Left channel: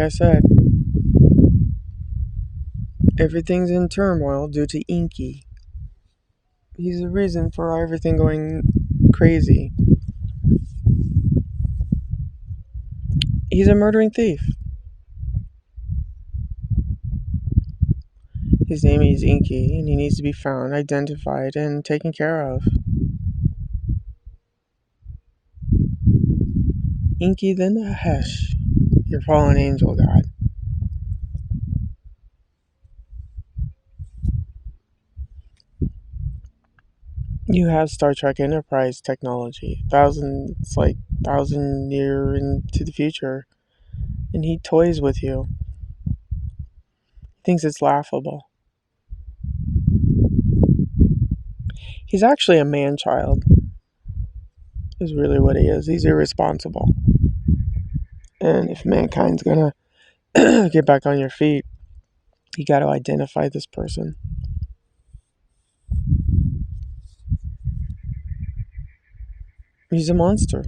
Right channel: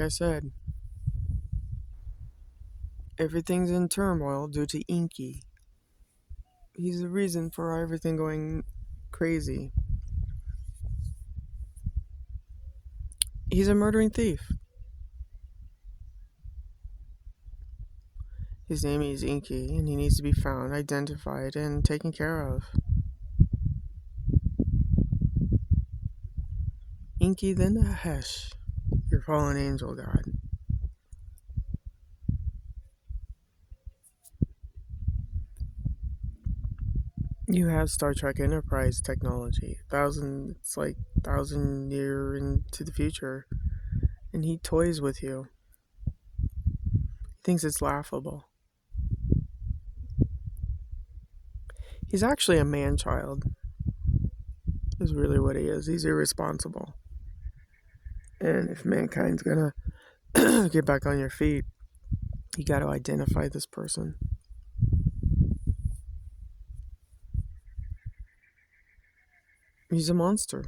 like I said, everything's in turmoil due to Inky. He's the reason for everything going crazy. He's a murdering thief. His name is Inky, and he needs to be found, identified, and taken care of. Inky the Nahesh, your fallen angel god. You have Star Trek Enterprise technology, it's like 1,000 year into the future, and he toys with you. He thinks it's laughable. He's actually a man-child, is really what he is. He's irresponsible. And if mankind's gonna get back on your feet, you gotta identify this person. He's a monster.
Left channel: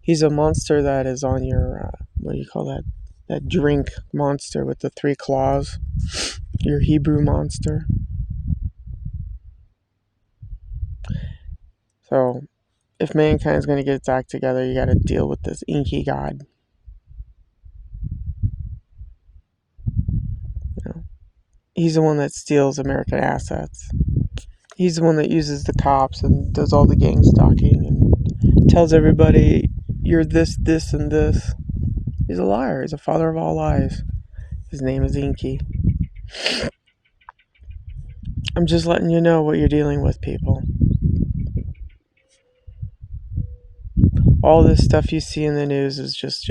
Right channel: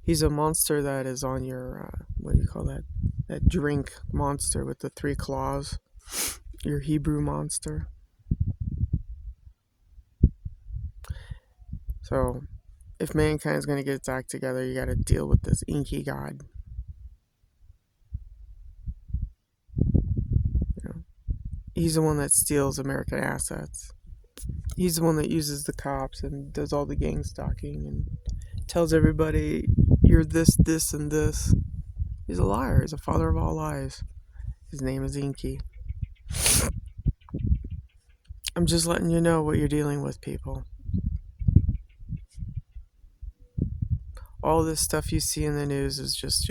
He's a monster that is on your, what do you call that? That drink monster with the 3 claws. Your Hebrew monster. So, if mankind's going to get its act together, you got to deal with this Inky god. He's the one that steals American assets. He's the one that uses the cops and does all the gang stalking and tells everybody, you're this, this, and this. He's a liar. He's a father of all lies. His name is Inky. I'm just letting you know what you're dealing with, people. All this stuff you see in the news is just,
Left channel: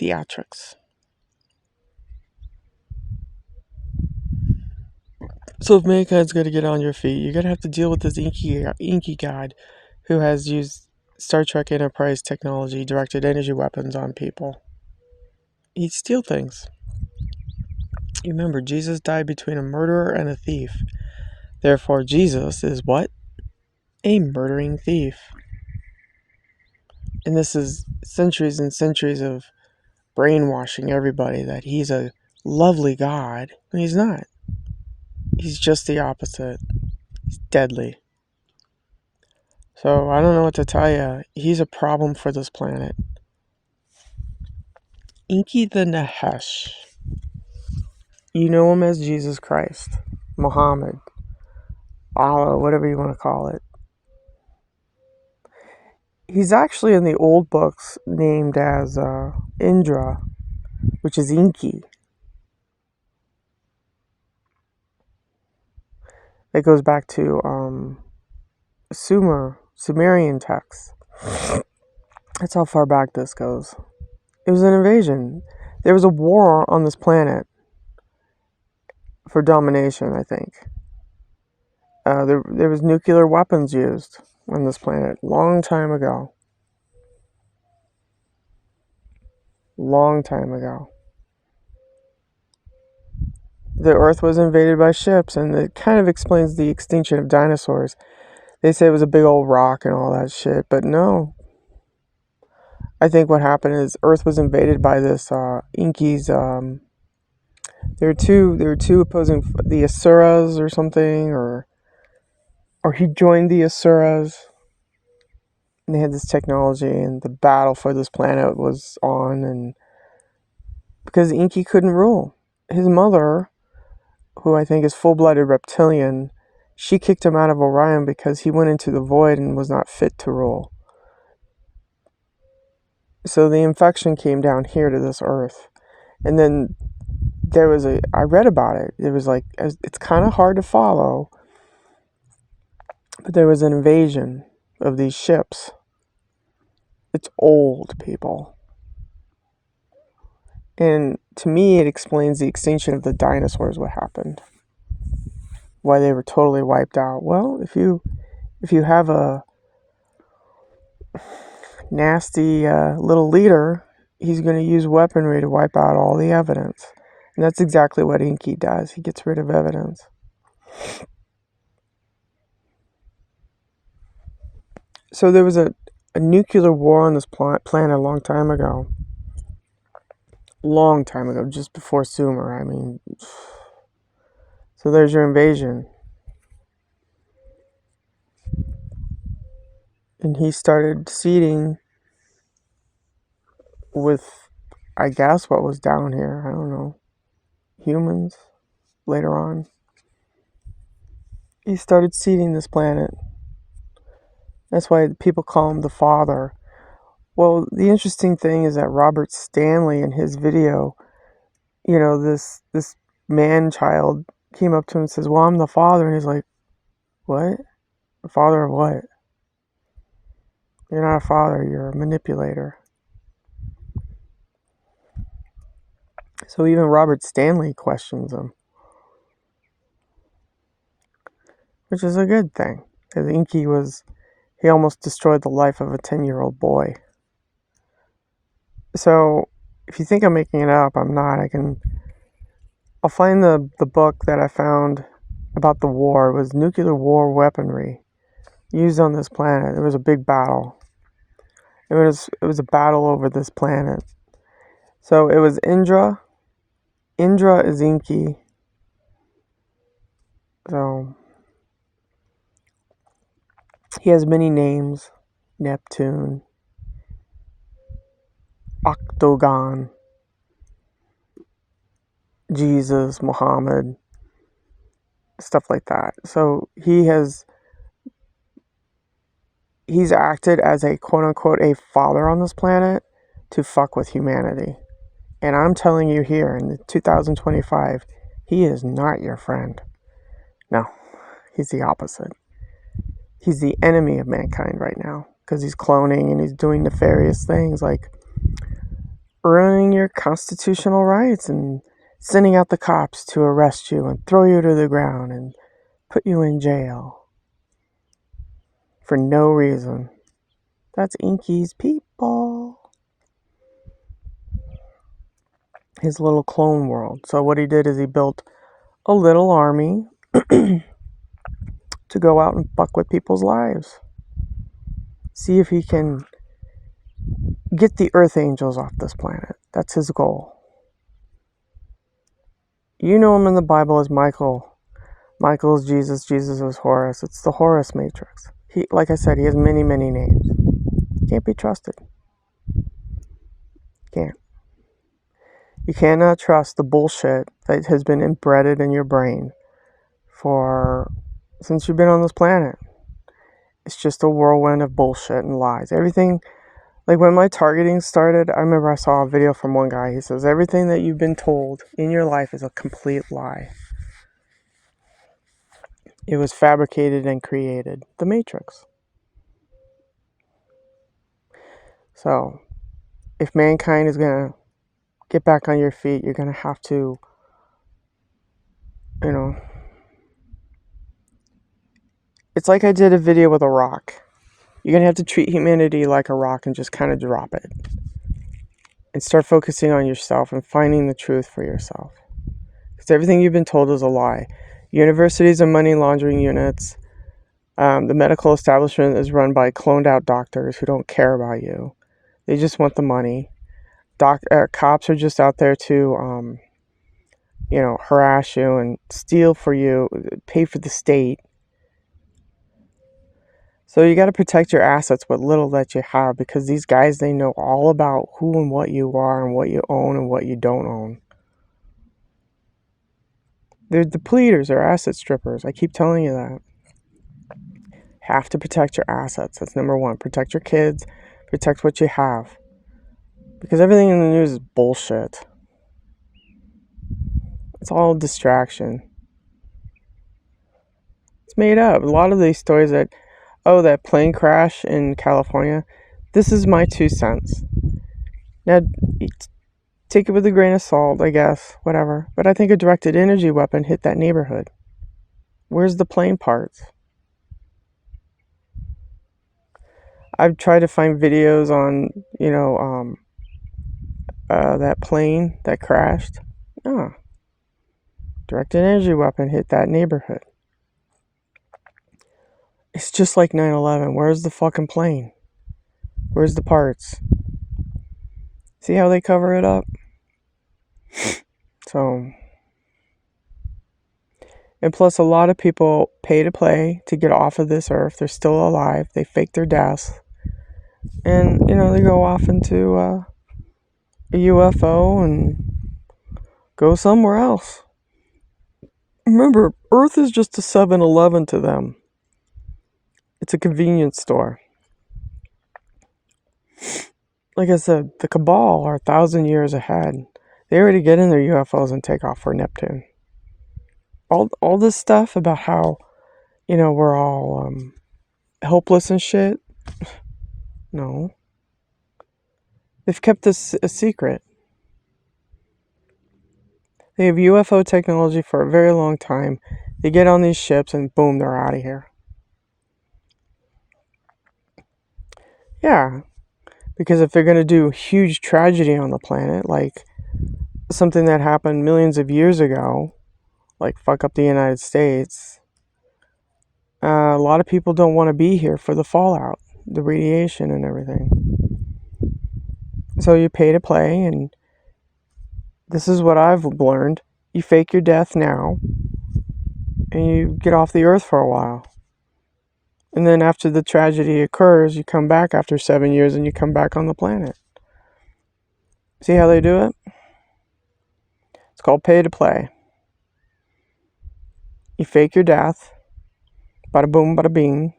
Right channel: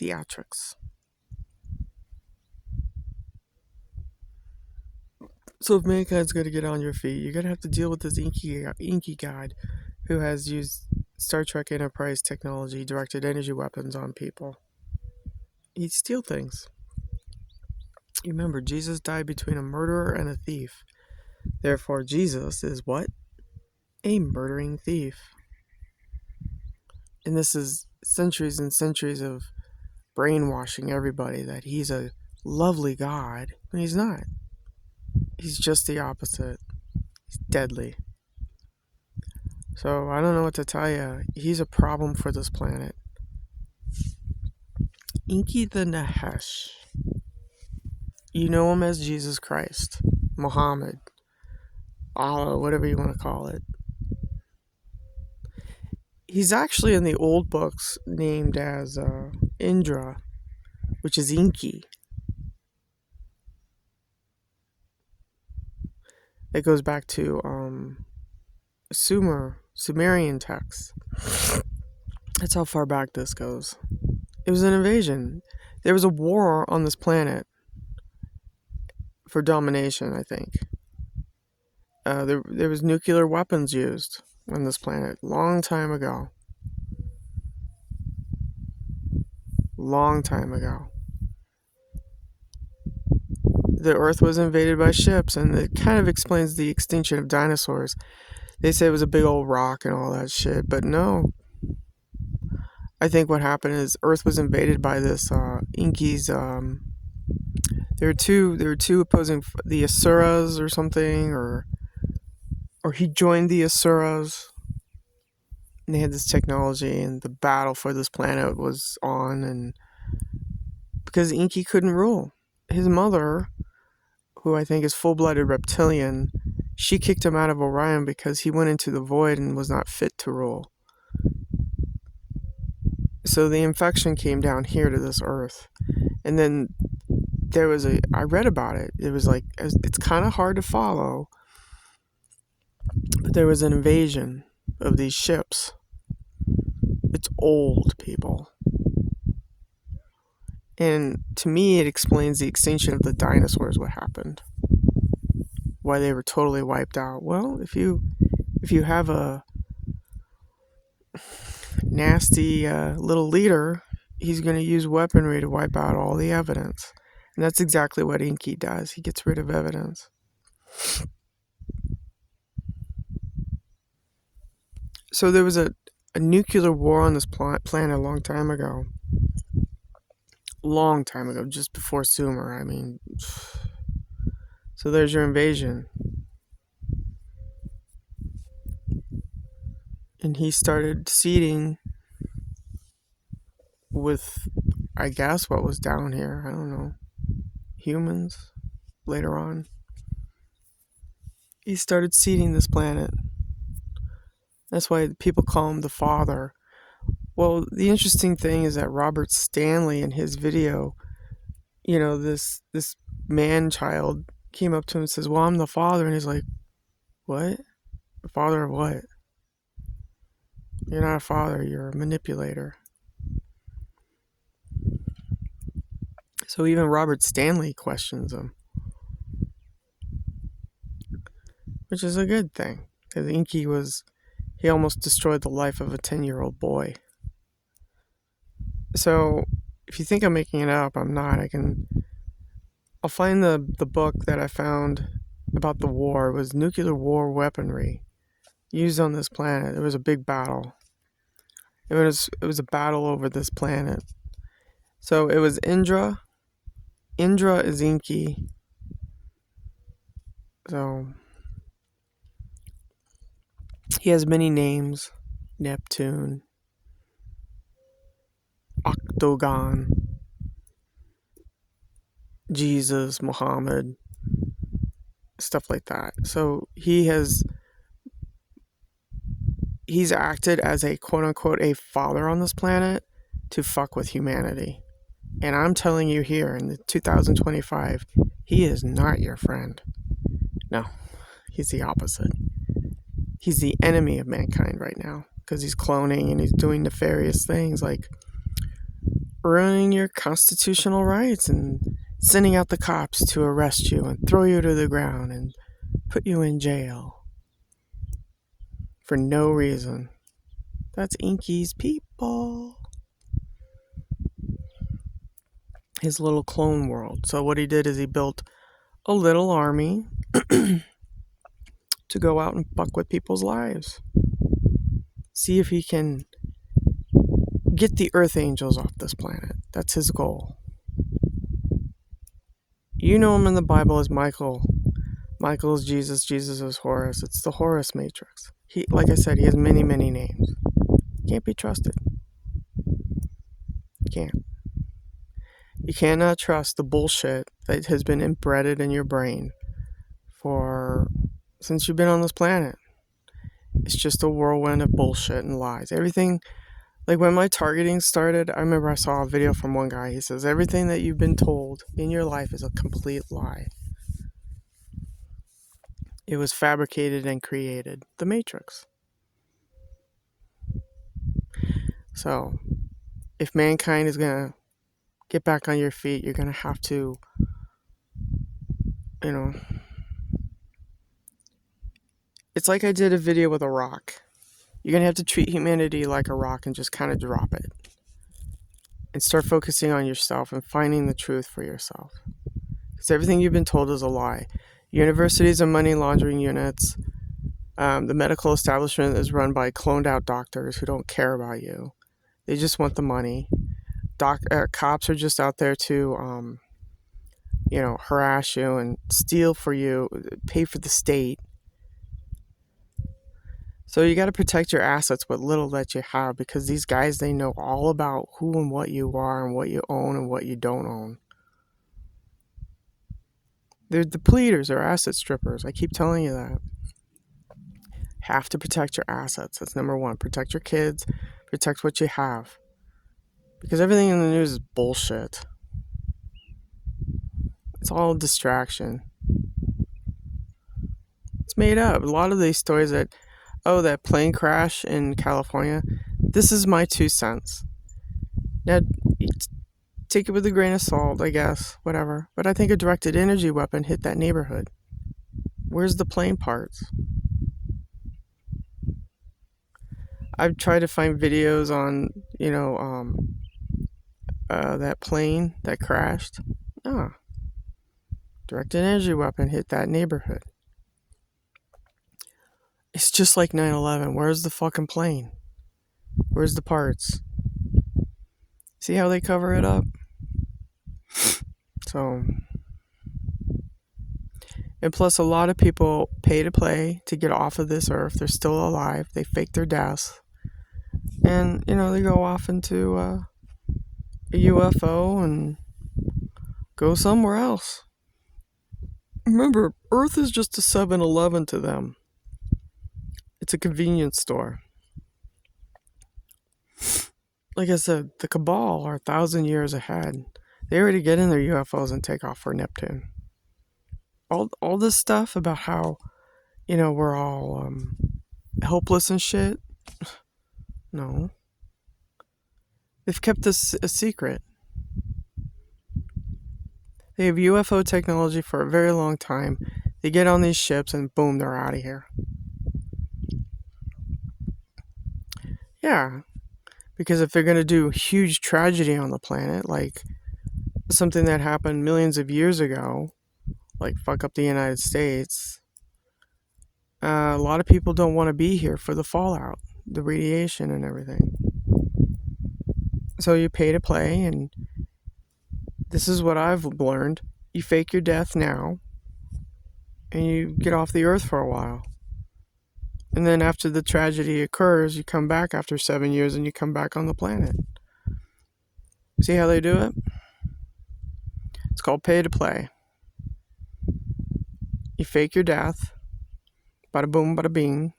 theatrics. So if mankind's going to get on your feet, you're going to have to deal with this Inky god who has used Star Trek Enterprise technology, directed energy weapons on people. He'd steal things. You remember, Jesus died between a murderer and a thief. Therefore, Jesus is what? A murdering thief. And this is centuries and centuries of brainwashing everybody that he's a lovely God, and he's not. He's just the opposite. He's deadly. So I don't know what to tell you. He's a problem for this planet. Inky the Nahesh. You know him as Jesus Christ, Muhammad, Allah, whatever you want to call it. He's actually in the old books named as Indra, which is Inky. It goes back to Sumerian texts. That's how far back this goes. It was an invasion. There was a war on this planet for domination, I think. There was nuclear weapons used on this planet long time ago. Long time ago. The Earth was invaded by ships, and it kind of explains the extinction of dinosaurs. They say it was a big old rock and all that shit, but no. I think what happened is Earth was invaded by this Inky's. There were two opposing, the Asuras or something, or he joined the Asuras. And they had this technology, and the battle for this planet was on, and because Inky couldn't rule. His mother, who I think is full-blooded reptilian, she kicked him out of Orion because he went into the void and was not fit to rule. So the infection came down here to this Earth. And then I read about it. It was like, it's kind of hard to follow, but there was an invasion of these ships. It's old, people. And to me, it explains the extinction of the dinosaurs, what happened. Why they were totally wiped out. Well, if you have a nasty little leader, he's going to use weaponry to wipe out all the evidence. And that's exactly what Inky does. He gets rid of evidence. So there was a nuclear war on this planet a long time ago. Long time ago, just before Sumer. I mean, so there's your invasion. And he started seeding with, I guess, what was down here. I don't know. Humans later on. He started seeding this planet. That's why people call him the father. Well, the interesting thing is that Robert Stanley in his video, this man-child came up to him and says, well, I'm the father. And he's like, what? The father of what? You're not a father, you're a manipulator. So even Robert Stanley questions him. Which is a good thing. Because Inky he almost destroyed the life of a 10-year-old boy. So, if you think I'm making it up, I'm not. I'll find the book that I found about the war. It was nuclear war weaponry used on this planet. There was a big battle. It was a battle over this planet. So it was Indra. Indra is Inky. So he has many names. Neptune. Octagon. Jesus, Muhammad. Stuff like that. So he's acted as a quote-unquote a father on this planet to fuck with humanity. And I'm telling you here in 2025, he is not your friend. No, he's the opposite. He's the enemy of mankind right now because he's cloning and he's doing nefarious things like ruining your constitutional rights and sending out the cops to arrest you and throw you to the ground and put you in jail for no reason. That's Inky's people. His little clone world. So what he did is he built a little army to go out and fuck with people's lives. See if he can get the Earth Angels off this planet. That's his goal. You know him in the Bible as Michael. Michael is Jesus. Jesus is Horus. It's the Horus Matrix. Like I said, he has many, many names. Can't be trusted. Can't. You cannot trust the bullshit that has been embedded in your brain since you've been on this planet. It's just a whirlwind of bullshit and lies. Everything, like when my targeting started, I remember I saw a video from one guy. He says, everything that you've been told in your life is a complete lie. It was fabricated and created. The Matrix. So, if mankind is going to get back on your feet, you're going to have to, it's like I did a video with a rock. You're going to have to treat humanity like a rock and just kind of drop it. And start focusing on yourself and finding the truth for yourself. Because everything you've been told is a lie. Universities are money laundering units. The medical establishment is run by cloned out doctors who don't care about you. They just want the money. Cops are just out there to, harass you and steal for you, pay for the state. So you got to protect your assets, what little that you have, because these guys, they know all about who and what you are and what you own and what you don't own. They're depleters or asset strippers. I keep telling you that. Have to protect your assets. That's number one. Protect your kids. Protect what you have. Because everything in the news is bullshit. It's all distraction. It's made up. A lot of these stories that plane crash in California, this is my 2 cents. Now, take it with a grain of salt, I guess, whatever. But I think a directed energy weapon hit that neighborhood. Where's the plane parts? I've tried to find videos on, that plane that crashed. Directed energy weapon hit that neighborhood. It's just like 9/11. Where's the fucking plane? Where's the parts? See how they cover it up? So, and plus, a lot of people pay to play to get off of this earth. They're still alive. They fake their deaths. And, they go off into a UFO and go somewhere else. Remember, Earth is just a 7-Eleven to them. It's a convenience store. Like I said, the Cabal are 1,000 years ahead. They already get in their UFOs and take off for Neptune. All this stuff about how, we're all helpless and shit. No. They've kept this a secret. They have UFO technology for a very long time. They get on these ships and boom, they're out of here. Yeah. Because if they're going to do huge tragedy on the planet, like something that happened millions of years ago, like fuck up the United States, a lot of people don't want to be here for the fallout, the radiation and everything. So you pay to play, and this is what I've learned. You fake your death now, and you get off the earth for a while. And then after the tragedy occurs, you come back after 7 years and you come back on the planet. See how they do it? It's called pay to play. You fake your death. Bada boom, bada bing.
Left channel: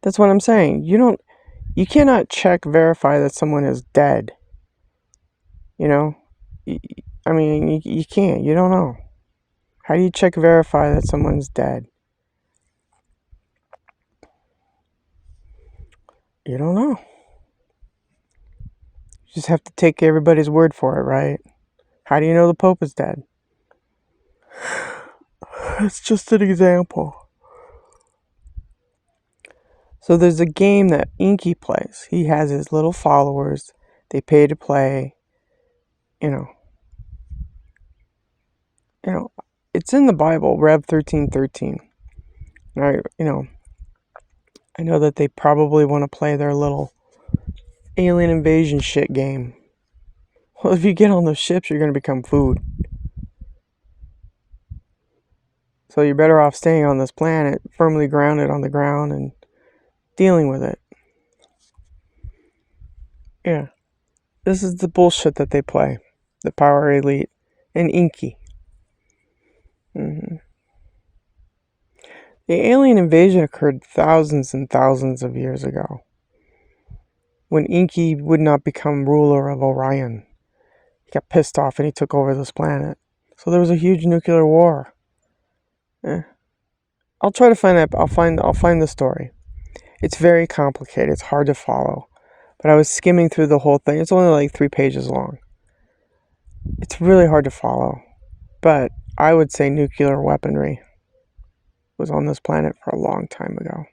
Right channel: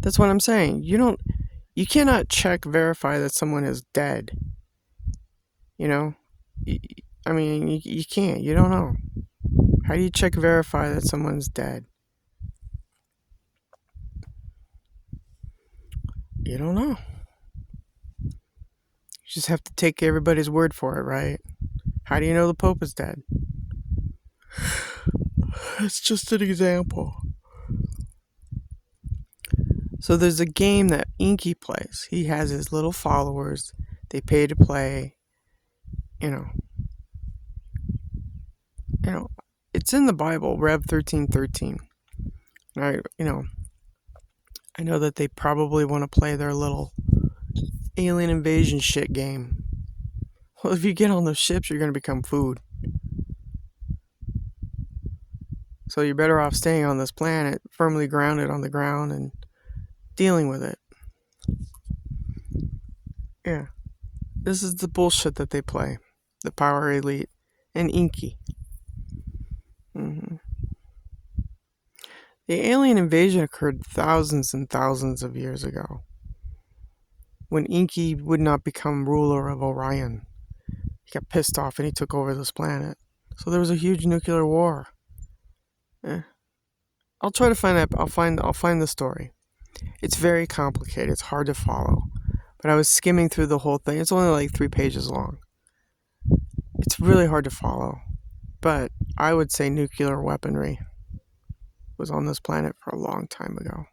That's what I'm saying. You cannot verify that someone is dead. You can't. You don't know. How do you verify that someone's dead? You don't know. You just have to take everybody's word for it, right? How do you know the Pope is dead? It's just an example. So there's a game that Inky plays. He has his little followers. They pay to play. It's in the Bible, Rev 13:13. I know that they probably want to play their little alien invasion shit game. Well, if you get on those ships, you're going to become food. So you're better off staying on this planet, firmly grounded on the ground and dealing with it. Yeah. This is the bullshit that they play. The Power Elite and Inky. Mm-hmm. The alien invasion occurred thousands and thousands of years ago, when Inky would not become ruler of Orion. He got pissed off and he took over this planet. So there was a huge nuclear war. I'll try to find that. I'll find the story. It's very complicated. It's hard to follow. But I was skimming through the whole thing. It's only like 3 pages long. It's really hard to follow. But I would say nuclear weaponry was on this planet for a long time ago.